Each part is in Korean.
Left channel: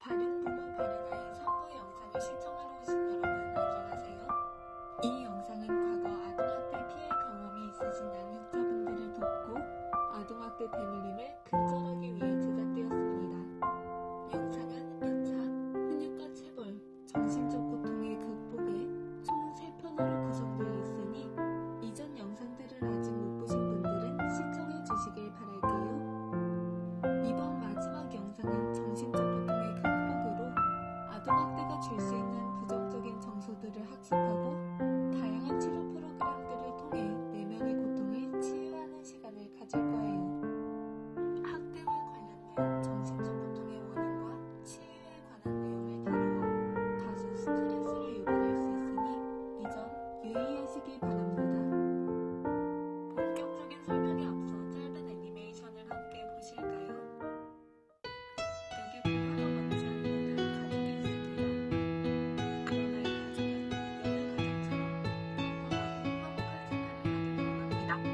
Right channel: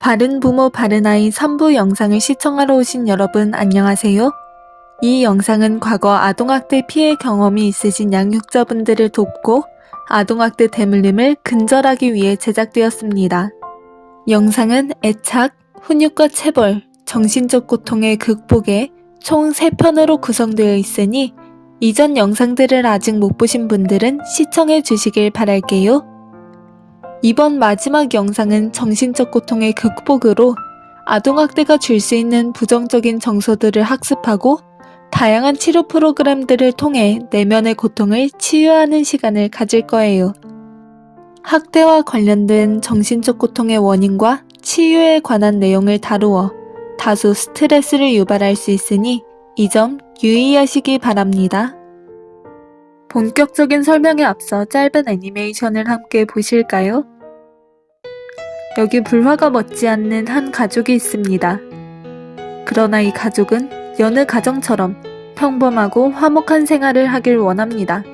바른 부모 바른 아이 3부 영상을 시청하러 오신 여러분 안녕하세요. 이 영상은 과거 아동학대 피해 경험이 있으신 양육자분들을 돕고 아동학대 대물림을 근절하기 위해 제작되었습니다. 영상은 애착, 훈육과 체벌, 정신적 고통의 극복에 총 3편으로 구성되어 있으니 이전 영상들을 아직 못 보신 분들은 시청해 주시길 바랄게요. 이번 마지막 영상은 정신적 고통의 극복으로 아동학대가 줄 수 있는 부정적인 정서들을 학습하고 다양한 치료 프로그램들을 통해 내면의 고통을 치유하는 시간을 가질 거예요. 학대와 관련된 정신적 고통의 원인과 치유에 관한 내용을 다루어 다소 스트레스를 유발할 수 있으니 이 점 유의하시기 바랍니다. 본격적인 설명에 앞서 짧은 애니메이션을 함께 보실까요? 여기 불화가 멋지 않는 한 가족이 있습니다. 그러나 이 가족은 여느 가정처럼 평범하고 화목한 생활을 하길 원합니다.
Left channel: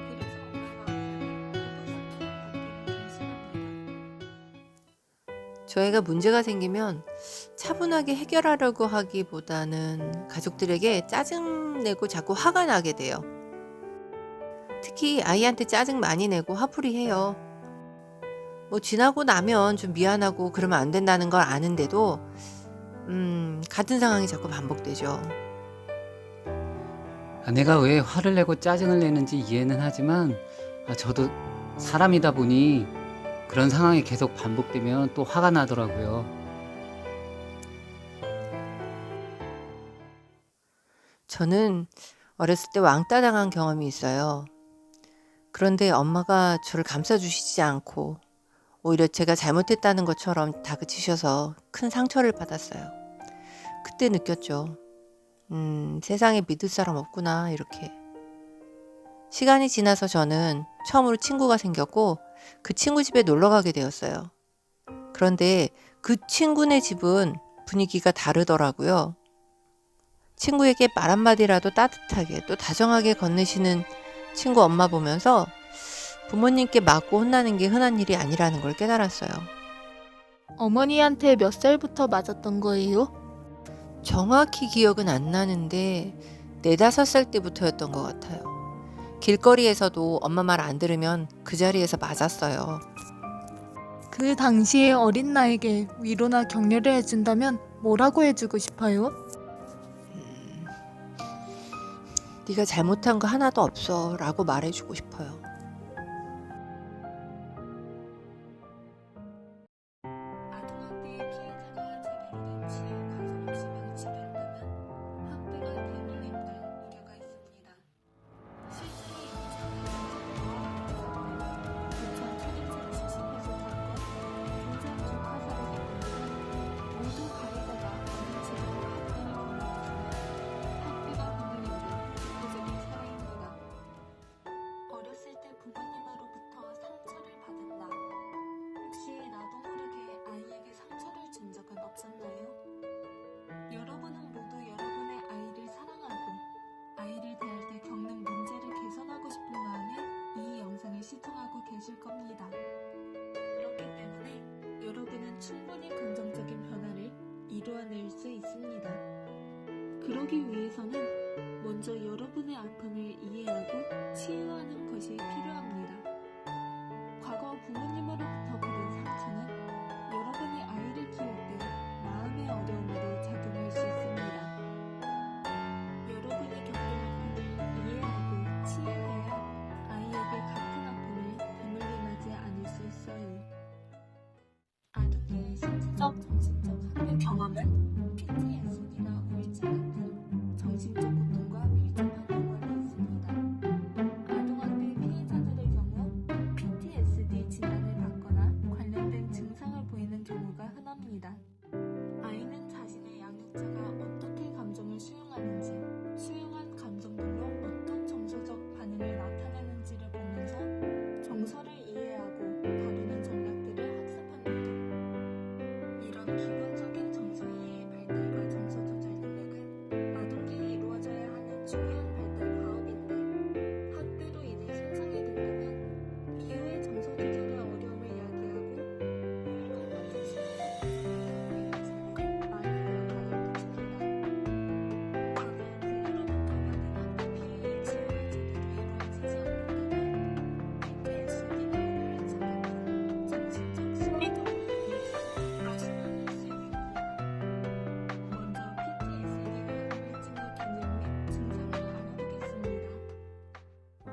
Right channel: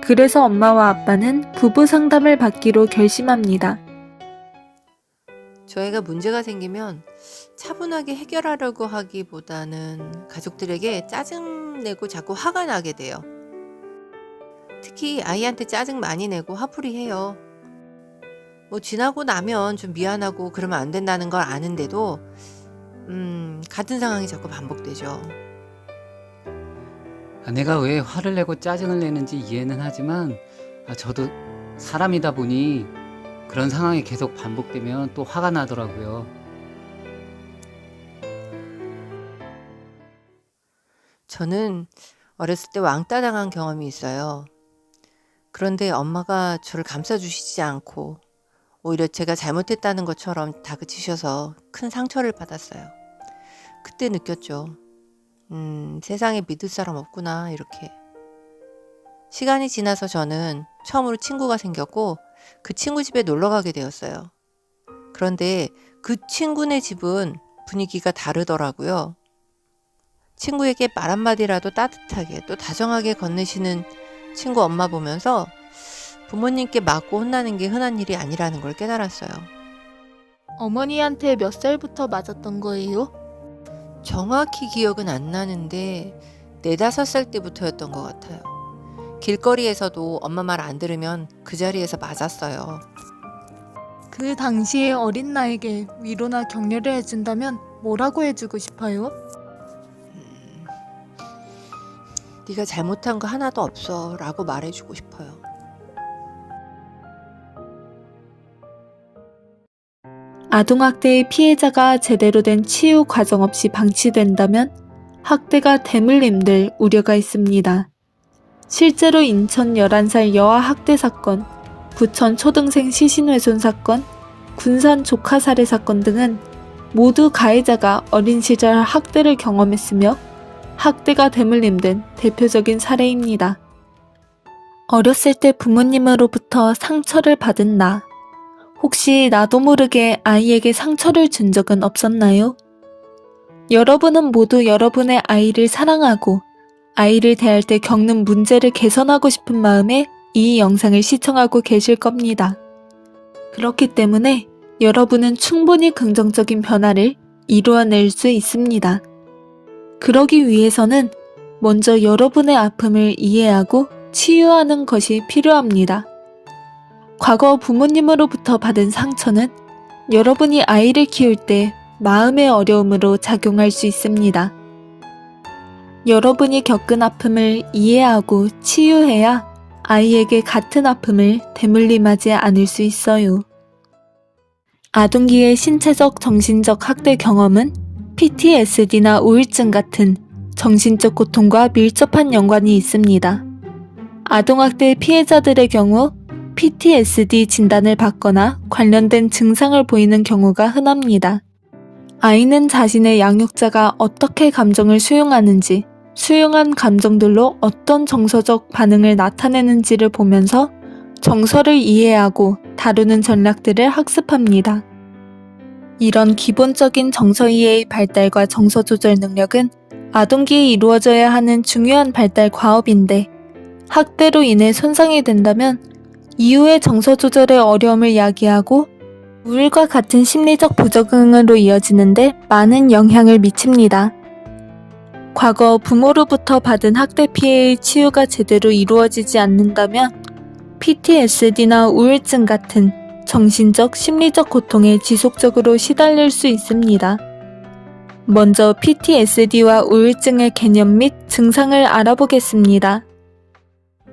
그래서 엄마와 아빠는 부부 상담을 받기로 결심합니다. 저희가 문제가 생기면 차분하게 해결하려고 하기보다는 가족들에게 짜증내고 자꾸 화가 나게 돼요. 특히 아이한테 짜증 많이 내고 화풀이 해요. 지나고 나면 좀 미안하고 그러면 안 된다는 걸 아는데도 같은 상황이 자꾸 반복되죠. 아내가 왜 화를 내고 짜증을 내는지 이해는 하지만 저도 사람이다 보니 그런 상황이 계속 반복되면 또 화가 나더라고요. 저는 어렸을 때 왕따 당한 경험이 있어요. 그런데 엄마가 저를 감싸주시지 않고 오히려 제가 잘못했다는 것처럼 다그치셔서 큰 상처를 받았어요. 그때 느꼈죠. 세상에 믿을 사람 없구나 이렇게. 시간이 지나서 저는 처음으로 친구가 생겼고 그 친구 집에 놀러 가게 되었어요. 그런데 그 친구네 집은 분위기가 다르더라고요. 친구에게 말 한마디라도 따뜻하게 또 다정하게 건네시는 친구 엄마 보면서 부모님께 맞고 혼나는 게 흔한 일이 아니라는 걸 깨달았어요. 어머니한테 몇 살부터 맞았던 거예요? 정확히 기억은 안 나는데 4~5살 때부터였던 것 같아요. 길거리에서도 엄마 말 안 들으면 그 자리에서 맞았어요. 그 당시에 어린 나에게 위로나 격려를 해준다면 뭐라고 해주고 싶어요? 네가 잘못한 거 하나도 없어 라고 말해주고 싶어요. 아동학대의 피해자가 제대로 된 치유 과정 없이 방치된다면 학대가 대물림될 우려가 있습니다. 실제로 인천 11살 여아 학대 사건, 부천 초등생 시신훼손 사건, 군산 조카 살해 사건 등은 모두 가해자가 어린 시절 학대를 경험했으며 학대가 대물림된 대표적인 사례입니다. 어렸을 때 부모님으로부터 상처를 받은 나. 혹시 나도 모르게 아이에게 상처를 준 적은 없었나요? 여러분은 모두 여러분의 아이를 사랑하고 아이를 대할 때 겪는 문제를 개선하고 싶은 마음에 이 영상을 시청하고 계실 겁니다. 그렇기 때문에 여러분은 충분히 긍정적인 변화를 이루어낼 수 있습니다. 그러기 위해서는 먼저 여러분의 아픔을 이해하고 치유하는 것이 필요합니다. 과거 부모님으로부터 받은 상처는 여러분이 아이를 키울 때 마음의 어려움으로 작용할 수 있습니다. 여러분이 겪은 아픔을 이해하고 치유해야 아이에게 같은 아픔을 대물림하지 않을 수 있어요. 아동기의 신체적, 정신적 학대 경험은 PTSD나 우울증 같은 정신적 고통과 밀접한 연관이 있습니다. 아동학대 피해자들의 경우 PTSD 진단을 받거나 관련된 증상을 보이는 경우가 흔합니다. 아이는 자신의 양육자가 어떻게 감정을 수용하는지, 수용한 감정들로 어떤 정서적 반응을 나타내는지를 보면서 정서를 이해하고 다루는 전략들을 학습합니다. 이런 기본적인 정서 이해의 발달과 정서 조절 능력은 아동기에 이루어져야 하는 중요한 발달 과업인데 학대로 인해 손상이 된다면 이후의 정서 조절의 어려움을 야기하고 우울과 같은 심리적 부적응으로 이어지는데 많은 영향을 미칩니다. 과거 부모로부터 받은 학대 피해의 치유가 제대로 이루어지지 않는다면 PTSD나 우울증 같은 정신적, 심리적 고통에 지속적으로 시달릴 수 있습니다. 먼저 PTSD와 우울증의 개념 및 증상을 알아보겠습니다.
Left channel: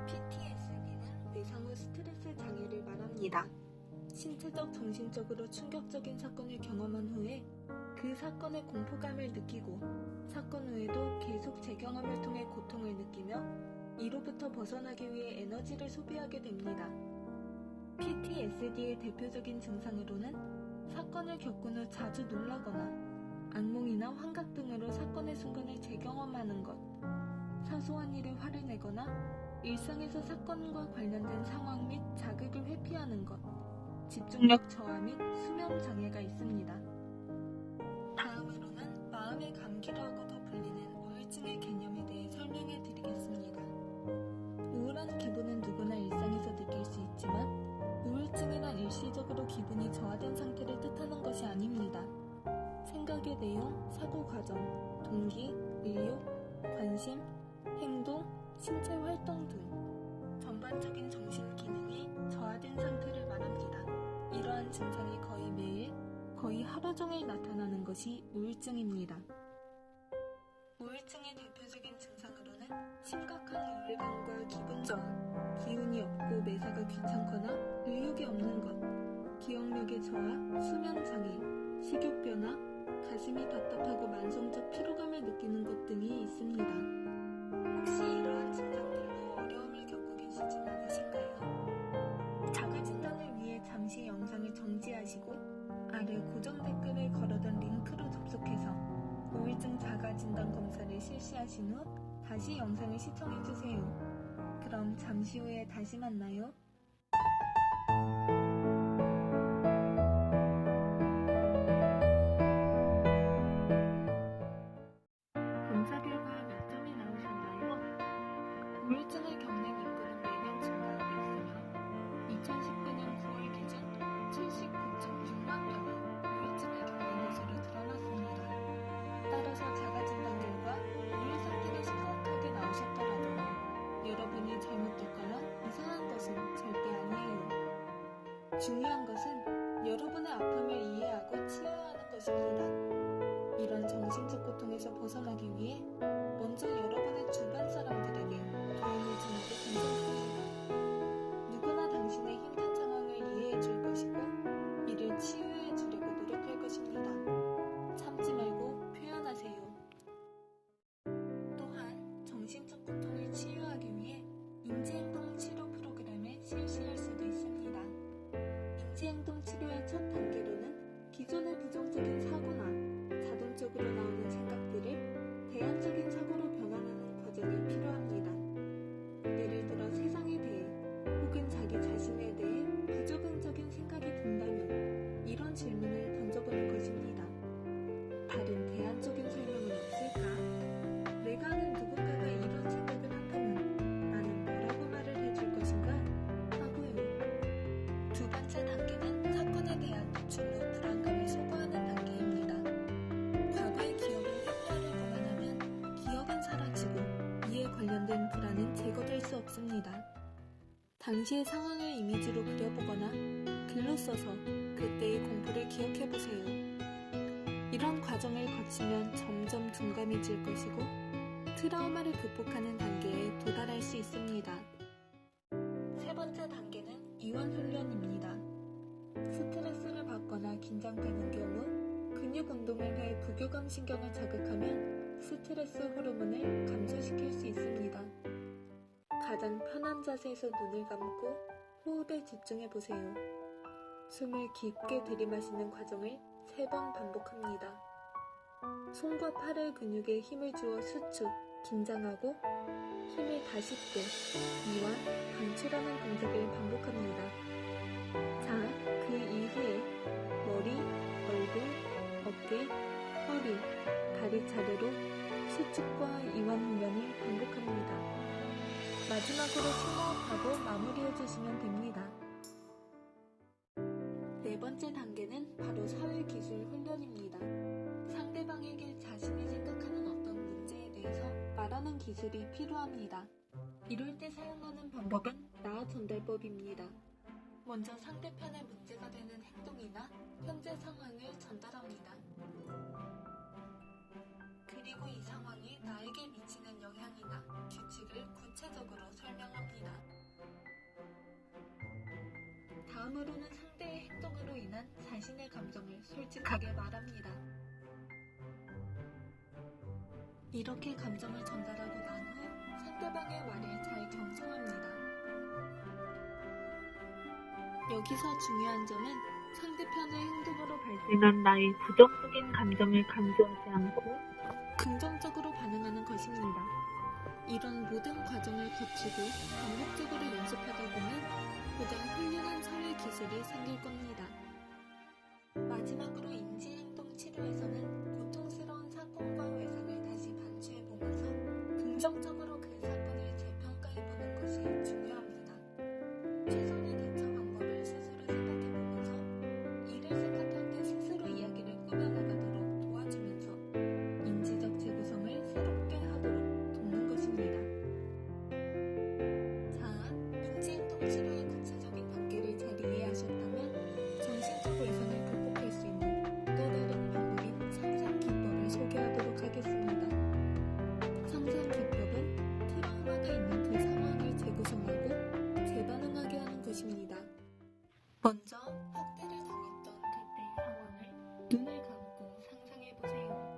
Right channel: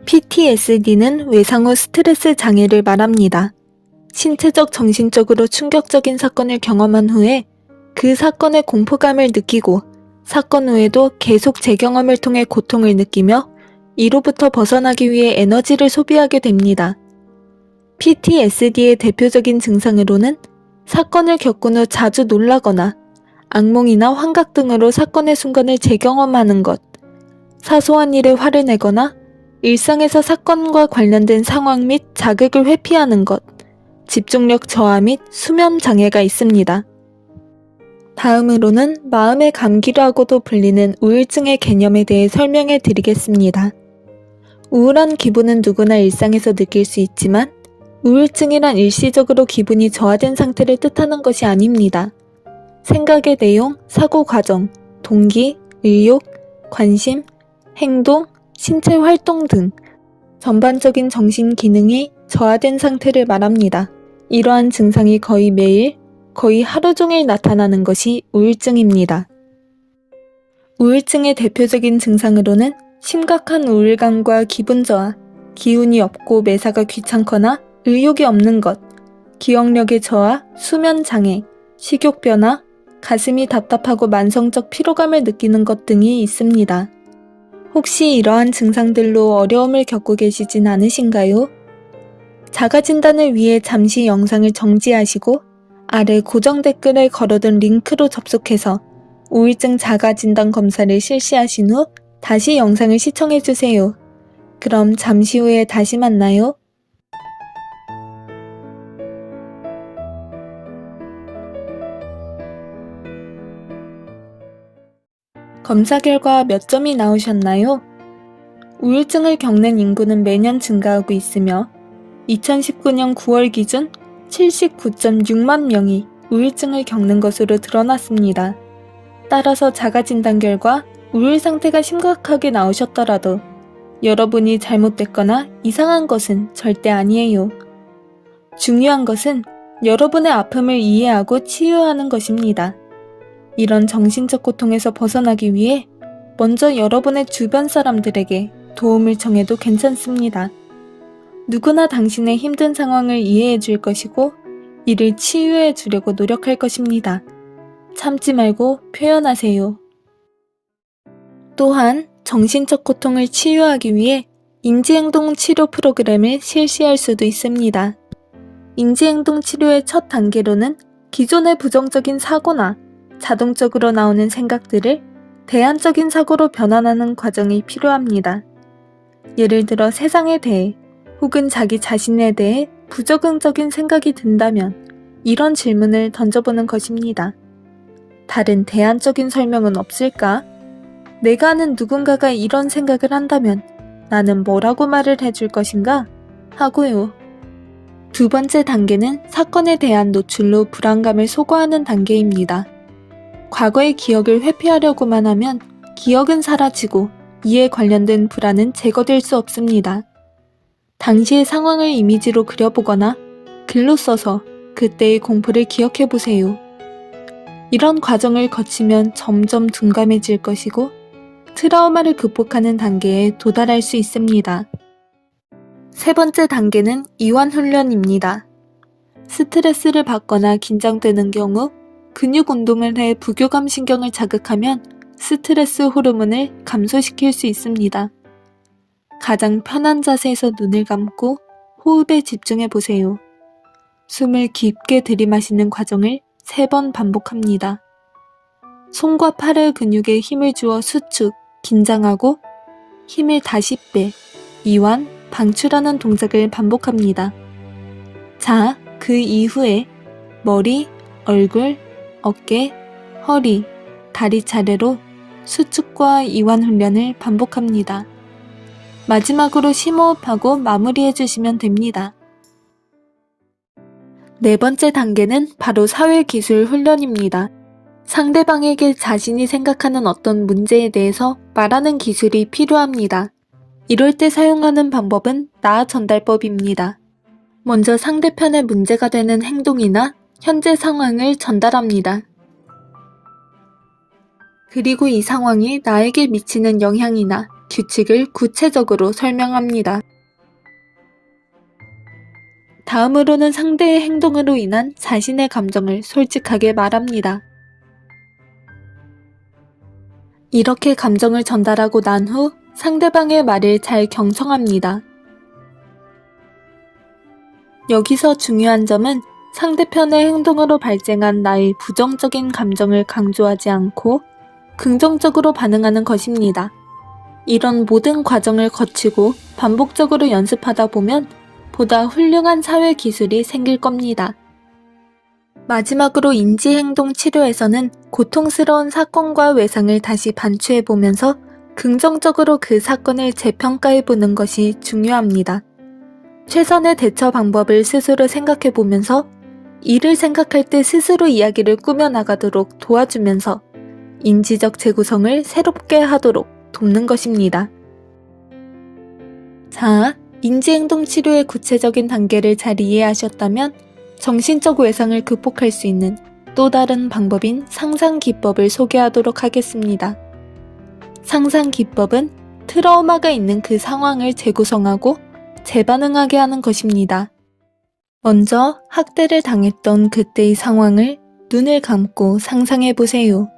PTSD는 외상 후 스트레스 장애를 말합니다. 신체적, 정신적으로 충격적인 사건을 경험한 후에 그 사건의 공포감을 느끼고 사건 후에도 계속 재경험을 통해 고통을 느끼며 이로부터 벗어나기 위해 에너지를 소비하게 됩니다. PTSD의 대표적인 증상으로는 사건을 겪은 후 자주 놀라거나 악몽이나 환각 등으로 사건의 순간을 재경험하는 것, 사소한 일에 화를 내거나 일상에서 사건과 관련된 상황 및 자극을 회피하는 것, 집중력 저하 및 수면 장애가 있습니다. 다음으로는 마음의 감기라고도 불리는 우울증의 개념에 대해 설명해 드리겠습니다. 우울한 기분은 누구나 일상에서 느낄 수 있지만 우울증이란 일시적으로 기분이 저하된 상태를 뜻하는 것이 아닙니다. 생각의 내용, 사고 과정, 동기, 의욕, 관심, 행동, 신체 활동 등 전반적인 정신 기능이 저하된 상태를 말합니다. 이러한 증상이 거의 매일, 거의 하루 종일 나타나는 것이 우울증입니다. 우울증의 대표적인 증상으로는 심각한 우울감과 기분 저하, 기운이 없고 매사가 귀찮거나 의욕이 없는 것, 기억력의 저하, 수면 장애, 식욕 변화, 가슴이 답답하고 만성적 피로감을 느끼는 것 등이 있습니다. 혹시 이러한 증상들로 어려움을 겪고 계시진 않으신가요? 자가진단을 위해 잠시 영상을 정지하시고 아래 고정 댓글에 걸어둔 링크로 접속해서 우울증 자가진단 검사를 실시하신 후 다시 영상을 시청해주세요. 그럼 잠시 후에 다시 만나요. 검사 결과 몇 점이 나오셨나요? 우울증을 겪는 인구는 매년 증가하고 있으며 2019년 9월 기준 79.6만 명이 우울증을 겪는 것으로 드러났습니다. 따라서 자가진단 결과 우울 상태가 심각하게 나오셨더라도 여러분이 잘못됐거나 이상한 것은 절대 아니에요. 중요한 것은 여러분의 아픔을 이해하고 치유하는 것입니다. 이런 정신적 고통에서 벗어나기 위해 먼저 여러분의 주변 사람들에게 도움을 청해도 괜찮습니다. 누구나 당신의 힘든 상황을 이해해 줄 것이고 이를 치유해 주려고 노력할 것입니다. 참지 말고 표현하세요. 또한 정신적 고통을 치유하기 위해 인지행동 치료 프로그램을 실시할 수도 있습니다. 인지행동 치료의 첫 단계로는 기존의 부정적인 사고나 자동적으로 나오는 생각들을 대안적인 사고로 변환하는 과정이 필요합니다. 예를 들어 세상에 대해 혹은 자기 자신에 대해 부적응적인 생각이 든다면 이런 질문을 던져보는 것입니다. 다른 대안적인 설명은 없을까? 내가 아는 누군가가 이런 생각을 한다면 나는 뭐라고 말을 해줄 것인가? 하고요. 두 번째 단계는 사건에 대한 노출로 불안감을 소거하는 단계입니다. 과거의 기억을 회피하려고만 하면 기억은 사라지고 이에 관련된 불안은 제거될 수 없습니다. 당시의 상황을 이미지로 그려보거나 글로 써서 그때의 공포를 기억해보세요. 이런 과정을 거치면 점점 둔감해질 것이고 트라우마를 극복하는 단계에 도달할 수 있습니다. 세 번째 단계는 이완 훈련입니다. 스트레스를 받거나 긴장되는 경우 근육 운동을 해 부교감 신경을 자극하면 스트레스 호르몬을 감소시킬 수 있습니다. 가장 편한 자세에서 눈을 감고 호흡에 집중해 보세요. 숨을 깊게 들이마시는 과정을 3번 반복합니다. 손과 팔의 근육에 힘을 주어 수축, 긴장하고 힘을 다시 빼, 이완, 방출하는 동작을 반복합니다. 자, 그 이후에 머리, 얼굴, 어깨, 허리, 다리 차례로 수축과 이완 훈련을 반복합니다. 마지막으로 심호흡하고 마무리해 주시면 됩니다. 네 번째 단계는 바로 사회기술 훈련입니다. 상대방에게 자신이 생각하는 어떤 문제에 대해서 말하는 기술이 필요합니다. 이럴 때 사용하는 방법은 나 전달법입니다. 먼저 상대편의 문제가 되는 행동이나 현재 상황을 전달합니다. 그리고 이 상황이 나에게 미치는 영향이나 규칙을 구체적으로 설명합니다. 다음으로는 상대의 행동으로 인한 자신의 감정을 솔직하게 말합니다. 이렇게 감정을 전달하고 난 후 상대방의 말을 잘 경청합니다. 여기서 중요한 점은 상대편의 행동으로 발생한 나의 부정적인 감정을 강조하지 않고 긍정적으로 반응하는 것입니다. 이런 모든 과정을 거치고 반복적으로 연습하다 보면 보다 훌륭한 사회 기술이 생길 겁니다. 마지막으로 인지행동 치료에서는 고통스러운 사건과 외상을 다시 반추해보면서 긍정적으로 그 사건을 재평가해보는 것이 중요합니다. 최선의 대처 방법을 스스로 생각해보면서 이를 생각할 때 스스로 이야기를 꾸며나가도록 도와주면서 인지적 재구성을 새롭게 하도록 돕는 것입니다. 자, 인지행동 치료의 구체적인 단계를 잘 이해하셨다면 정신적 외상을 극복할 수 있는 또 다른 방법인 상상 기법을 소개하도록 하겠습니다. 상상 기법은 트라우마가 있는 그 상황을 재구성하고 재반응하게 하는 것입니다. 먼저 학대를 당했던 그때의 상황을 눈을 감고 상상해 보세요.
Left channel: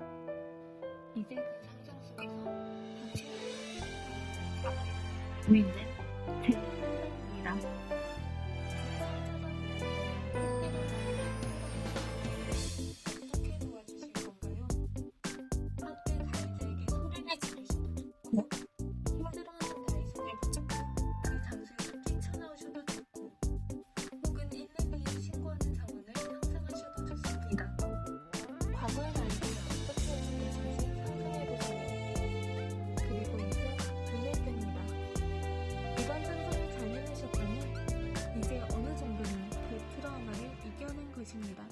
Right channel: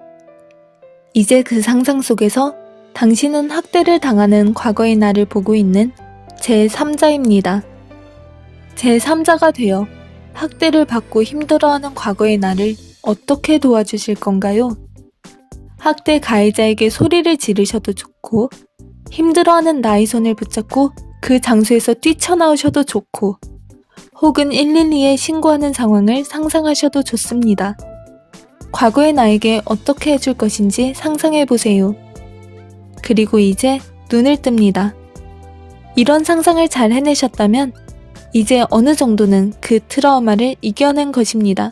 이제 그 상상 속에서 당신은 학대를 당하는 과거의 나를 보고 있는 제3자입니다. 제3자가 되어 학대를 받고 힘들어하는 과거의 나를 어떻게 도와주실 건가요? 학대 가해자에게 소리를 지르셔도 좋고, 힘들어하는 나의 손을 붙잡고 그 장소에서 뛰쳐나오셔도 좋고, 혹은 112에 신고하는 상황을 상상하셔도 좋습니다. 과거의 나에게 어떻게 해줄 것인지 상상해보세요. 그리고 이제 눈을 뜹니다. 이런 상상을 잘 해내셨다면 이제 어느 정도는 그 트라우마를 이겨낸 것입니다.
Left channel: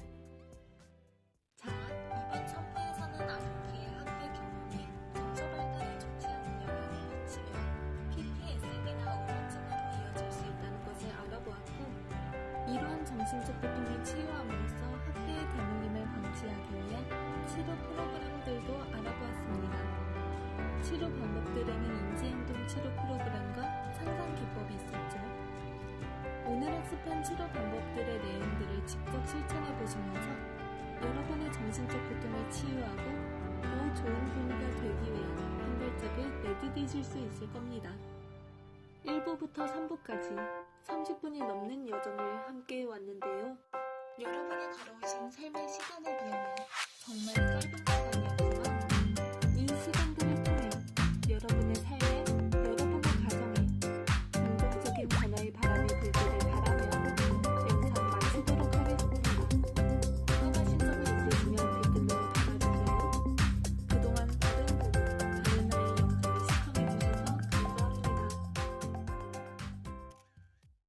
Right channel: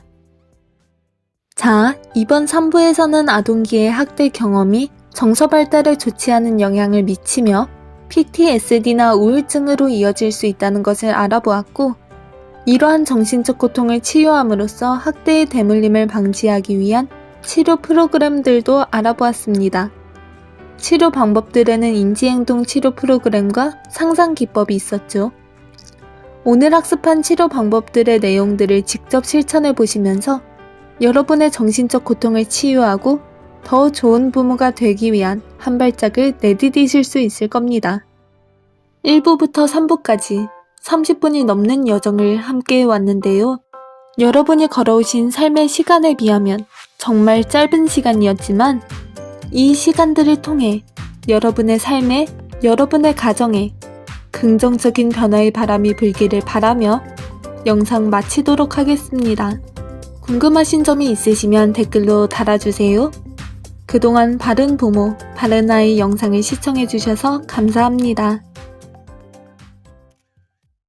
자, 이번 3부에서는 아동기의 학대 경험이 정서 발달에 좋지 않은 영향을 미치며 PTSD나 우울증으로 이어질 수 있다는 것을 알아보았고, 이러한 정신적 고통을 치유함으로써 학대의 대물림을 방지하기 위한 치료 프로그램들도 알아보았습니다. 치료 방법들에는 인지행동 치료 프로그램과 상상 기법이 있었죠. 오늘 학습한 치료 방법들의 내용들을 직접 실천해 보시면서 여러분의 정신적 고통을 치유하고 더 좋은 부모가 되기 위한 한 발짝을 내디디실 수 있을 겁니다. 1부부터 3부까지 30분이 넘는 여정을 함께 해왔는데요. 여러분이 걸어오신 삶의 시간에 비하면 정말 짧은 시간이었지만 이 시간들을 통해 여러분의 삶에, 여러분의 가정에 긍정적인 변화의 바람이 불기를 바라며 영상 마치도록 하겠습니다. 궁금하신 점이 있으시면 댓글로 달아주세요. 그동안 바른 부모, 바른 아이 영상을 시청해주셔서 감사합니다.